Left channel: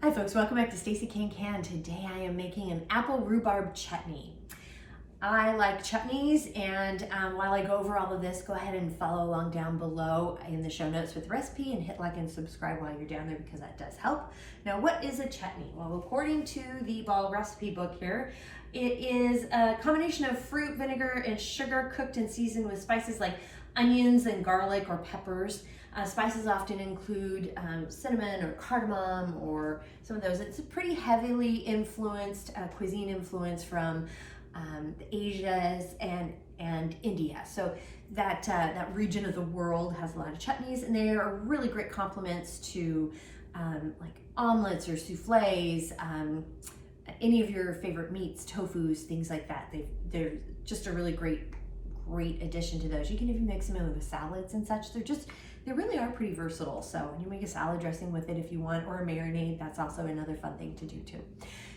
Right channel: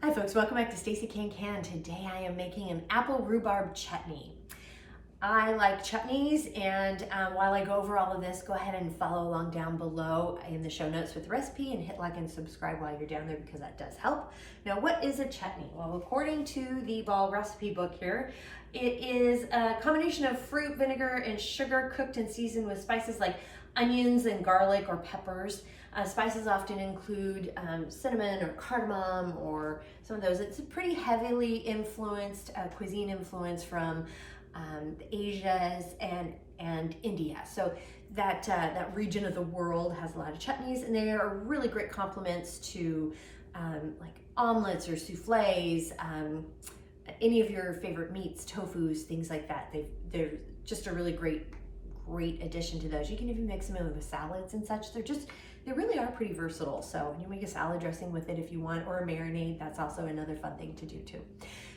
Hi folks, welcome back to Stacey Can. Today I am making an apple rhubarb chutney. I like chutneys, and while I go over all of this, go ahead and follow along down below in the show notes with the recipe and hit like and subscribe while you're down there because that does help. Now, what is a chutney? Well, according to the Ball recipe book here, it is a combination of fruit, vinegar, and sugar cooked and seasoned with spices like onions and garlic or peppers. Spices often include cinnamon or cardamom or some of those. It's a pretty heavily influenced cuisine influence from the Asias and India. So that region of the world has a lot of chutneys, and they are really great complements to like omelets or souffles, any of your favorite meats, tofus, things like that. They're just a really great addition to those. You can even mix them in with salads and such. They really are pretty versatile. So you make a salad dressing with it if you want, or a marinade. That's also another fun thing to do too.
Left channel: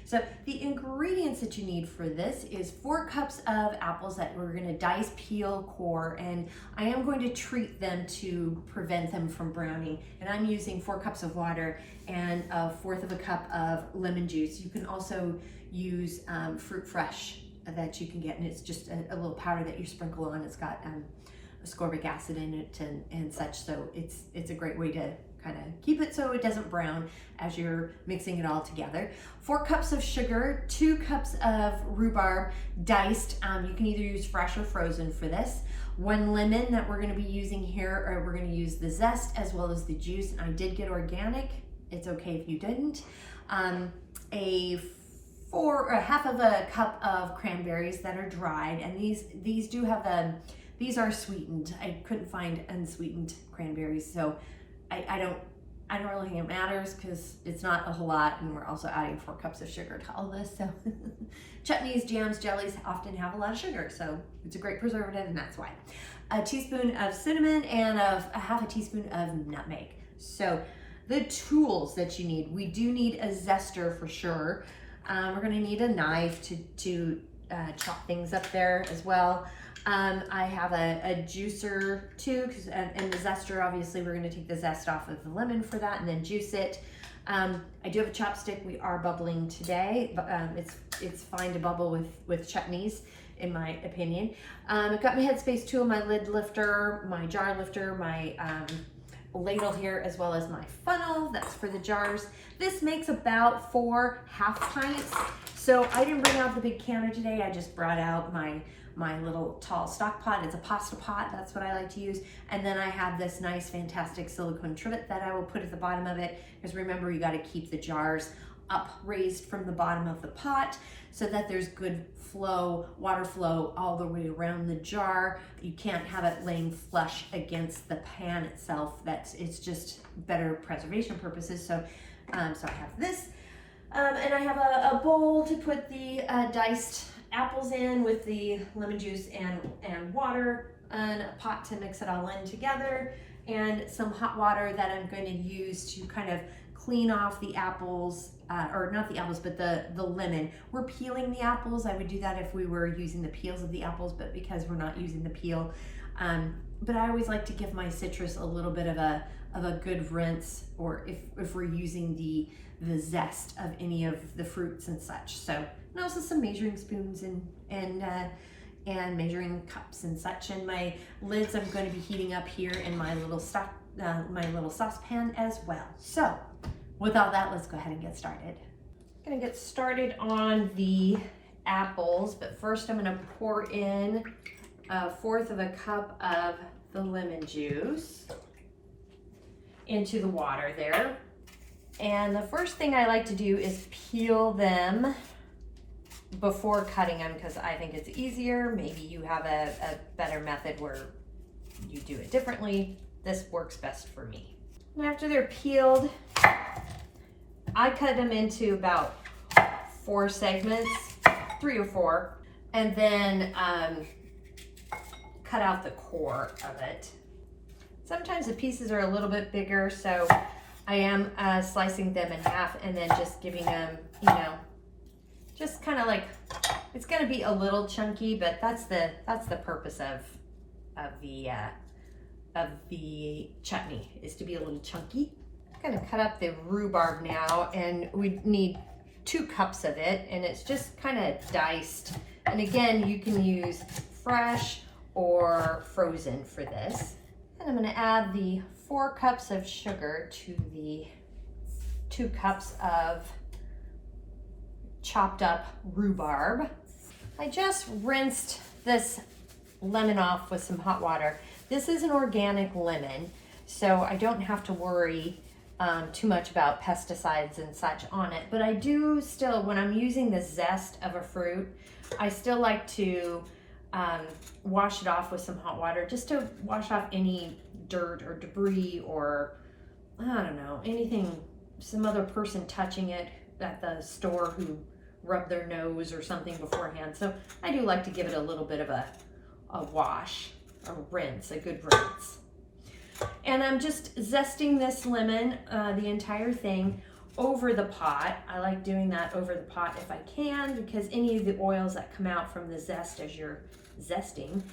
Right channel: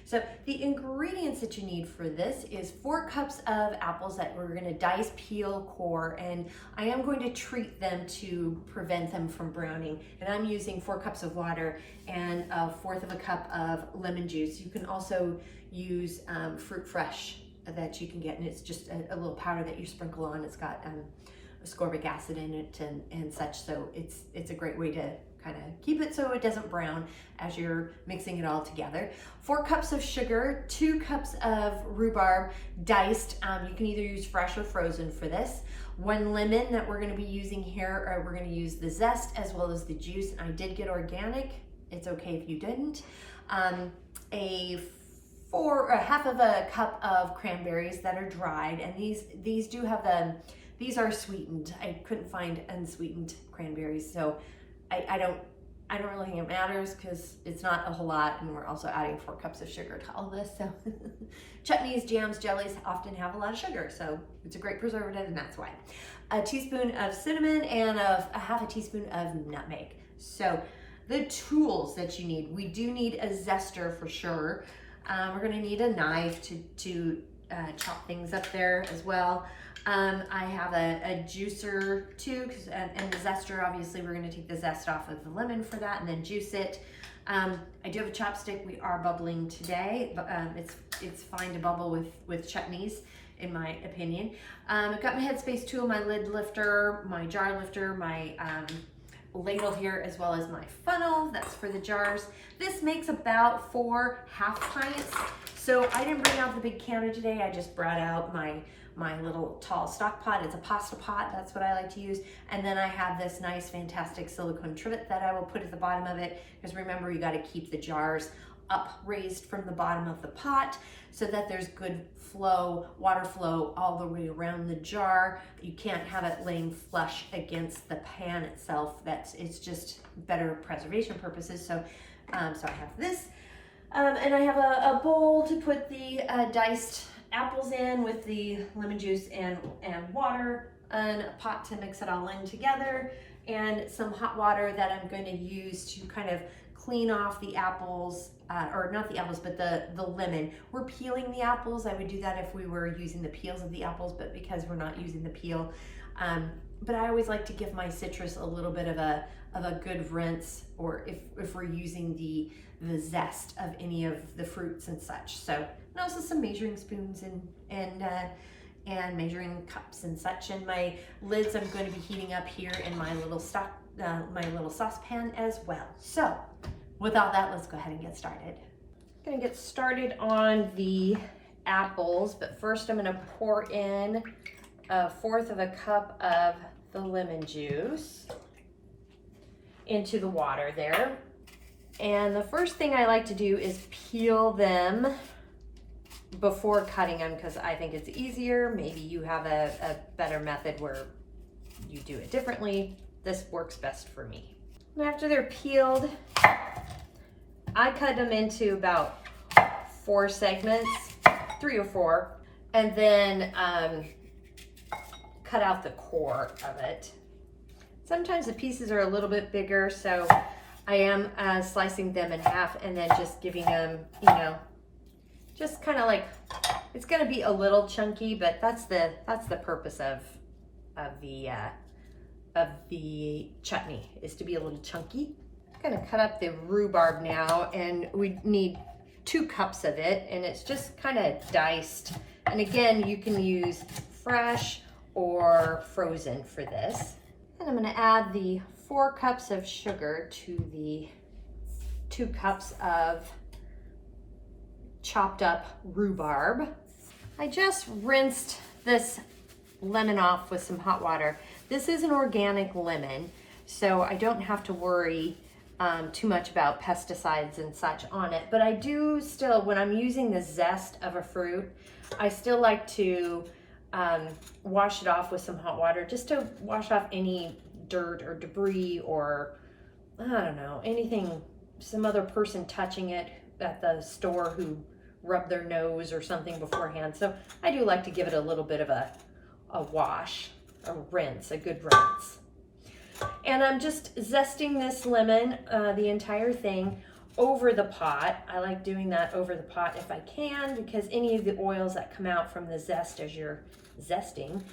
So the ingredients that you need for this is 4 cups of apples that we're going to dice, peel, core, and I am going to treat them to prevent them from browning. And I'm using 4 cups of water and 1/4 of a cup of lemon juice. You can also use fruit fresh that you can get, and it's just a little powder that you sprinkle on. It's got ascorbic acid in it and such, so it's a great way to kind of keep it so it doesn't brown as you're mixing it all together. 4 cups of sugar, 2 cups of rhubarb diced. You can either use fresh or frozen for this. 1 lemon that we're going to be using here, or we're going to use the zest as well as the juice. I did get organic. It's okay if you didn't. Half of a cup of cranberries that are dried, and these do have these are sweetened. I couldn't find unsweetened cranberries, so I don't really think it matters because it's not a whole lot, and we're also adding 4 cups of sugar to all this. So chutneys, jams, jellies often have a lot of sugar, so it's a great preservative, and that's why. A teaspoon of cinnamon and a half a teaspoon of nutmeg. So the tools that you need, we do need a zester for sure. We're going to need a knife to chop things up there as well. I have a juicer too, and the zester, obviously we're going to take the zest off of the lemon for that and then juice it. I do have a chopstick. We are bubbling today, but it's fine to bubble with chutneys, in my opinion. I've got my Headspace tool, my lid lifter, my jar lifter, my ladle here, as well as my funnel. That's for the jars. This makes about 4 half pints. So I didn't bring out the big counter today. I just brought out my little tall stock pot. It's a pasta pot. That's what I like to use. And then I have this nice, fantastic silicone trivet that I will put at the bottom of it. Because remember, you got to keep the jars up raised from the bottom of the pot so that there's good flow, water flow all the way around the jar. You can't have it laying flush against the pan itself. It's just better preservation purposes. So I have this, and I have a bowl to put the diced apples in with the lemon juice and water, and a pot to mix it all in together, and some hot water that I'm going to use to kind of clean off the apples, or not the apples, but the lemon. We're peeling the apples. I would do that if we were using the peels of the apples, but because we're not using the peel, but I always like to give my citrus a little bit of a good rinse, or if we're using the zest of any of the fruits and such. So, and also some measuring spoons and measuring cups and such. And my lids I'm going to be heating up here in my little saucepan as well. So with all that, let's go ahead and get started. I'm going to get started on the apples, but first I'm going to pour in 1/4 of a cup of the lemon juice into the water there. And the first thing I like to do is peel them before cutting them, because I think it's easier. Maybe you have a better method where you do it differently. This works best for me. And after they're peeled, I cut them into about 4 segments, 3 or 4, and then cut out the core of it. Sometimes the pieces are a little bit bigger, so I am slicing them in half and then just giving them, just kind of like, it's going to be a little chunky, but that's the purpose of the chutney, is to be a little chunky. I'm gonna cut up the rhubarb now, and we need 2 cups of it, and it's just kind of diced. And again, you can use fresh or frozen for this. And I'm gonna add the 4 cups of sugar to the 2 cups of chopped up rhubarb. I just rinsed this lemon off with some hot water. This is an organic lemon, so I don't have to worry too much about pesticides and such on it, but I do still, when I'm using the zest of a fruit, I still like to wash it off with some hot water, just to wash off any dirt or debris or, I don't know, anything, some other person touching it at the store who rubbed their nose or something beforehand. So I do like to give it a little bit of a wash, a rinse, a good rinse. And I'm just zesting this lemon, the entire thing, over the pot. I like doing that over the pot if I can, because any of the oils that come out from the zest as you're zesting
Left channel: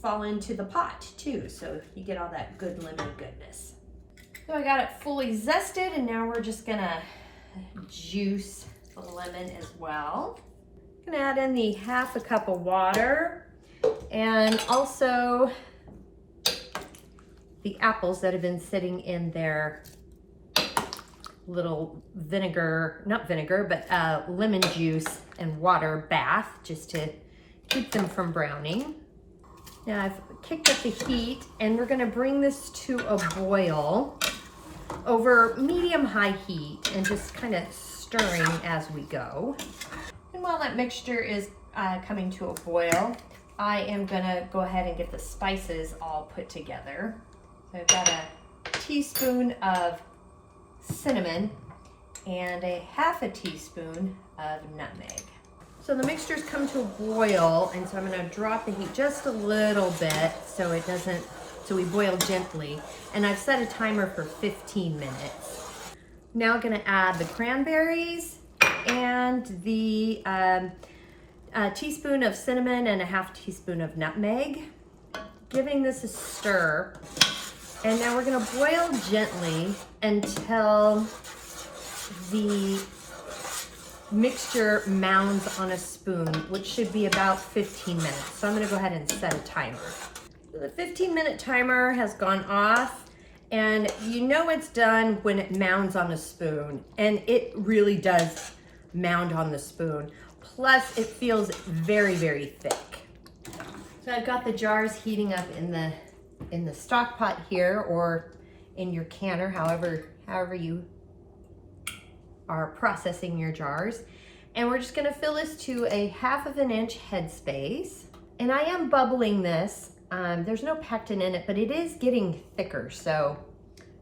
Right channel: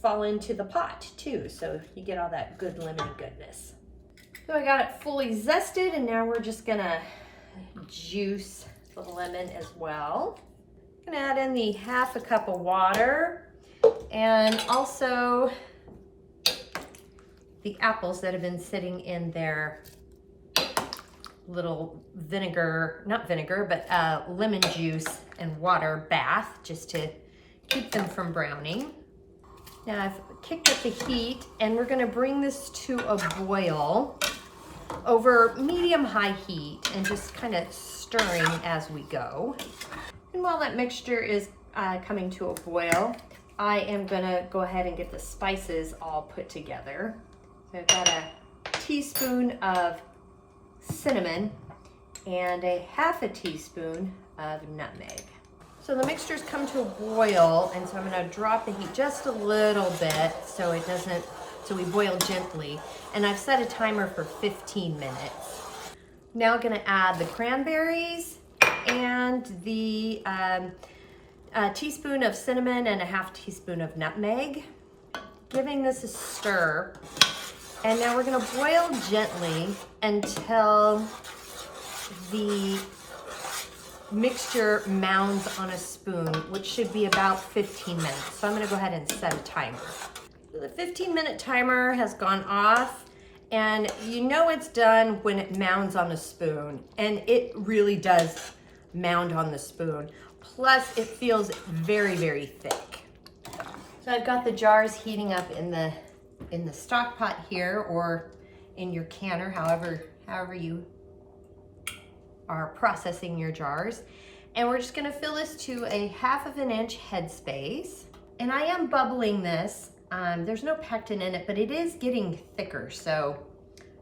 fall into the pot too. So you get all that good lemon goodness. So I got it fully zested, and now we're just gonna juice the lemon as well. I'm gonna add in the 1/2 cup of water, and also the apples that have been sitting in their little vinegar, not vinegar, but lemon juice and water bath, just to keep them from browning. Now I've kicked up the heat, and we're gonna bring this to a boil over medium-high heat, and just kind of stirring as we go. And while that mixture is coming to a boil, I am gonna go ahead and get the spices all put together. So I've got a teaspoon of cinnamon and a 1/2 teaspoon of nutmeg. So the mixture's come to a boil, and so I'm gonna drop the heat just a little bit so it doesn't, so we boil gently. And I've set a timer for 15 minutes. Now I'm gonna add the cranberries and the a teaspoon of cinnamon and a 1/2 teaspoon of nutmeg, giving this a stir. And now we're gonna boil gently until the mixture mounds on a spoon, which should be about 15 minutes. So I'm gonna go ahead and set a timer. The 15-minute timer has gone off, and you know it's done when it mounds on a spoon, and it really does mound on the spoon. Plus it feels very, very thick. So I've got the jars heating up in the stock pot here, or in your canner, however you are processing your jars. And we're just gonna fill this to a 1/2 inch headspace. And I am bubbling this. There's no pectin in it, but it is getting thicker. So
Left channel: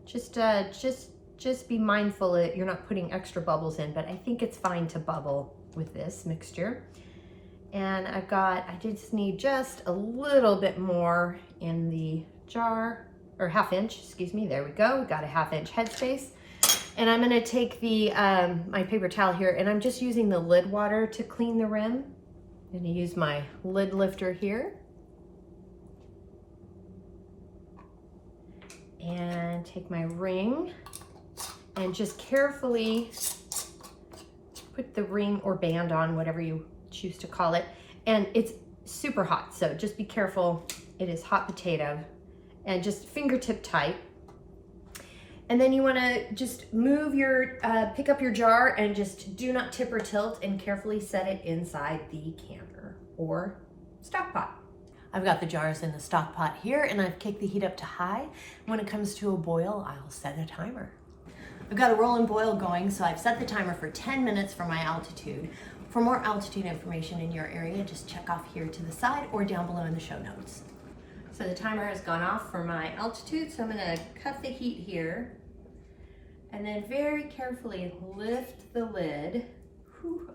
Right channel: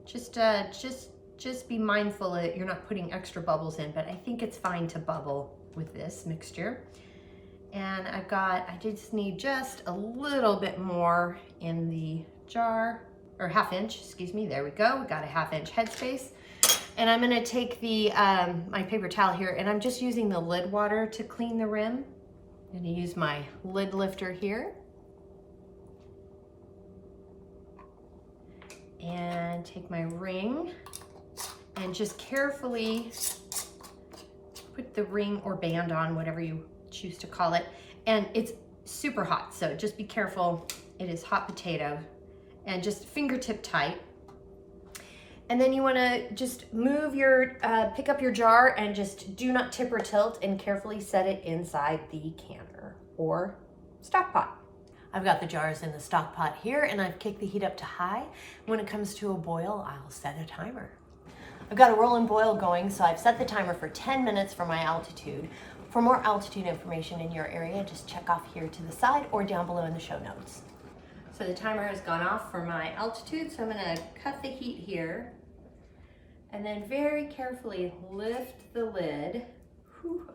just be mindful that you're not putting extra bubbles in, but I think it's fine to bubble with this mixture. And I just need just a little bit more in the jar, or 1/2 inch, excuse me, there we go. We got a 1/2 inch headspace. And I'm gonna take the my paper towel here, and I'm just using the lid water to clean the rim. I'm gonna use my lid lifter here. And take my ring and just carefully put the ring or band on, whatever you choose to call it. And it's super hot, so just be careful. It is hot potato, and just fingertip tight. And then you wanna just move your, pick up your jar, and just do not tip or tilt, and carefully set it inside the canner or stock pot. I've got the jars in the stock pot here, and I've kicked the heat up to high. When it comes to a boil, I'll set a timer. I've got a rolling boil going, so I've set the timer for 10 minutes for my altitude. For more altitude information in your area, just check off here to the side or down below in the show notes. So the timer has gone off for my altitude, so I'm gonna cut the heat here, and then very carefully lift the lid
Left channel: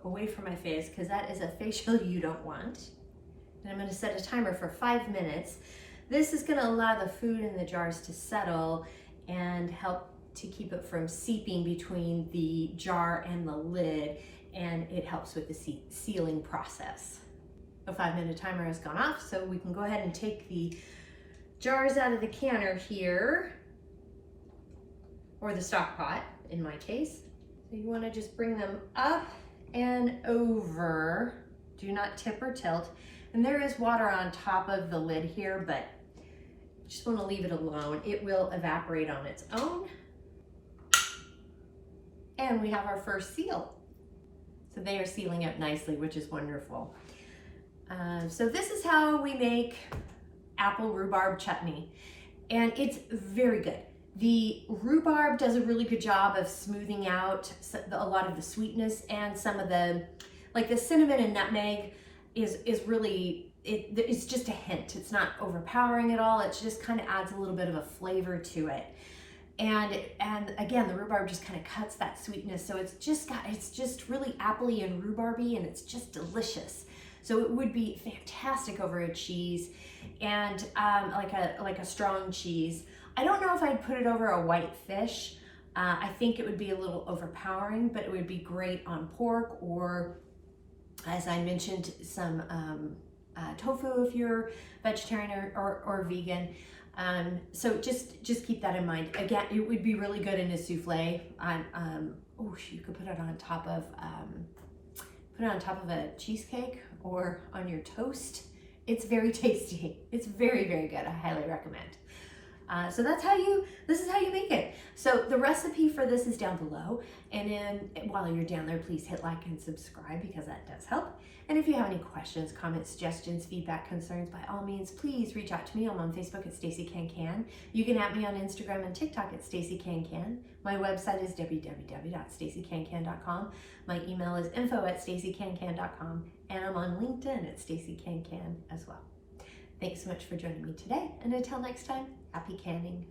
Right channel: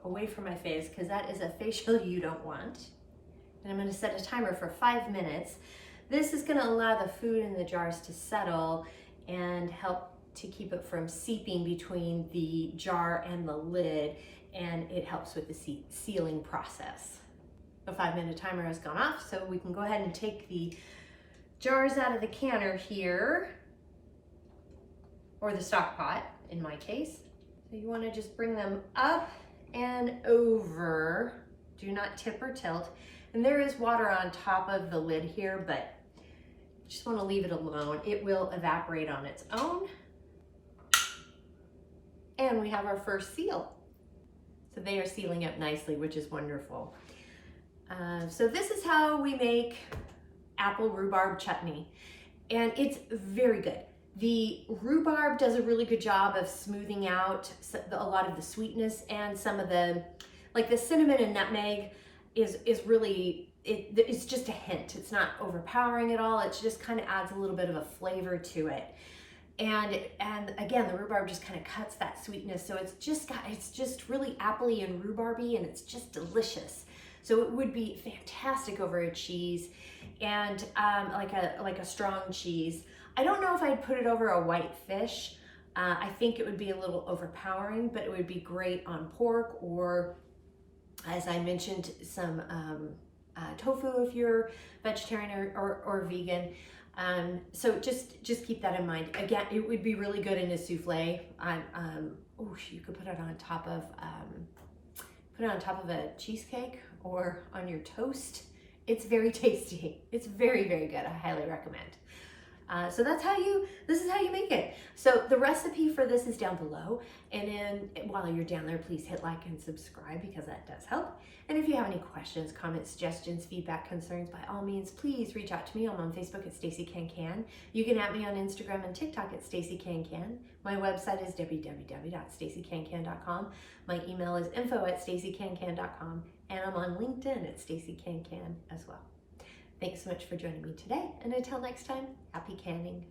away from my face, because that is a facial you don't want. And I'm gonna set a timer for 5 minutes. This is gonna allow the food in the jars to settle and help to keep it from seeping between the jar and the lid, and it helps with the sealing process. The 5-minute timer has gone off, so we can go ahead and take the jars out of the canner here. or the stock pot in my case. So you want to just bring them up and over. Do not tip or tilt. And there is water on top of the lid here, but just want to leave it alone. It will evaporate on its own. And we have our first seal. So they are sealing up nicely, which is wonderful. So this is how we make apple rhubarb chutney. And it's very good. The rhubarb does a really good job of smoothing out a lot of the sweetness, and some of the, like the cinnamon and nutmeg is really, it's just a hint. It's not overpowering at all. It just kind of adds a little bit of a flavor to it. And again, the rhubarb just kind of cuts that sweetness. So it's just really appley and rhubarby, and it's just delicious. So it would be fantastic over a cheese, and like a strong cheese. I don't know if I'd put it over a white fish. I think it would be a little overpowering, but it would be great on pork, or as I mentioned, some tofu if you're vegetarian or vegan. So just keep that in mind. Again, it would be really good in a souffle. You could put it on top of a cheesecake or on your toast. It's very tasty. It's very, very good. I highly recommend. So this is how you make it. So the recipe for this is down below. And then while you're down there, please hit like and subscribe, because that does help. And if you have any questions, comments, suggestions, feedback, concerns, by all means, please reach out to me. I'm on Facebook at Stacey Can. You can add me on Instagram and TikTok at Stacey Can. My website is www.staceycancan.com. My email is info@staceycancan.com. And I'm on LinkedIn at Stacey Can as well. Thanks so much for joining me today. And until next time, happy canning.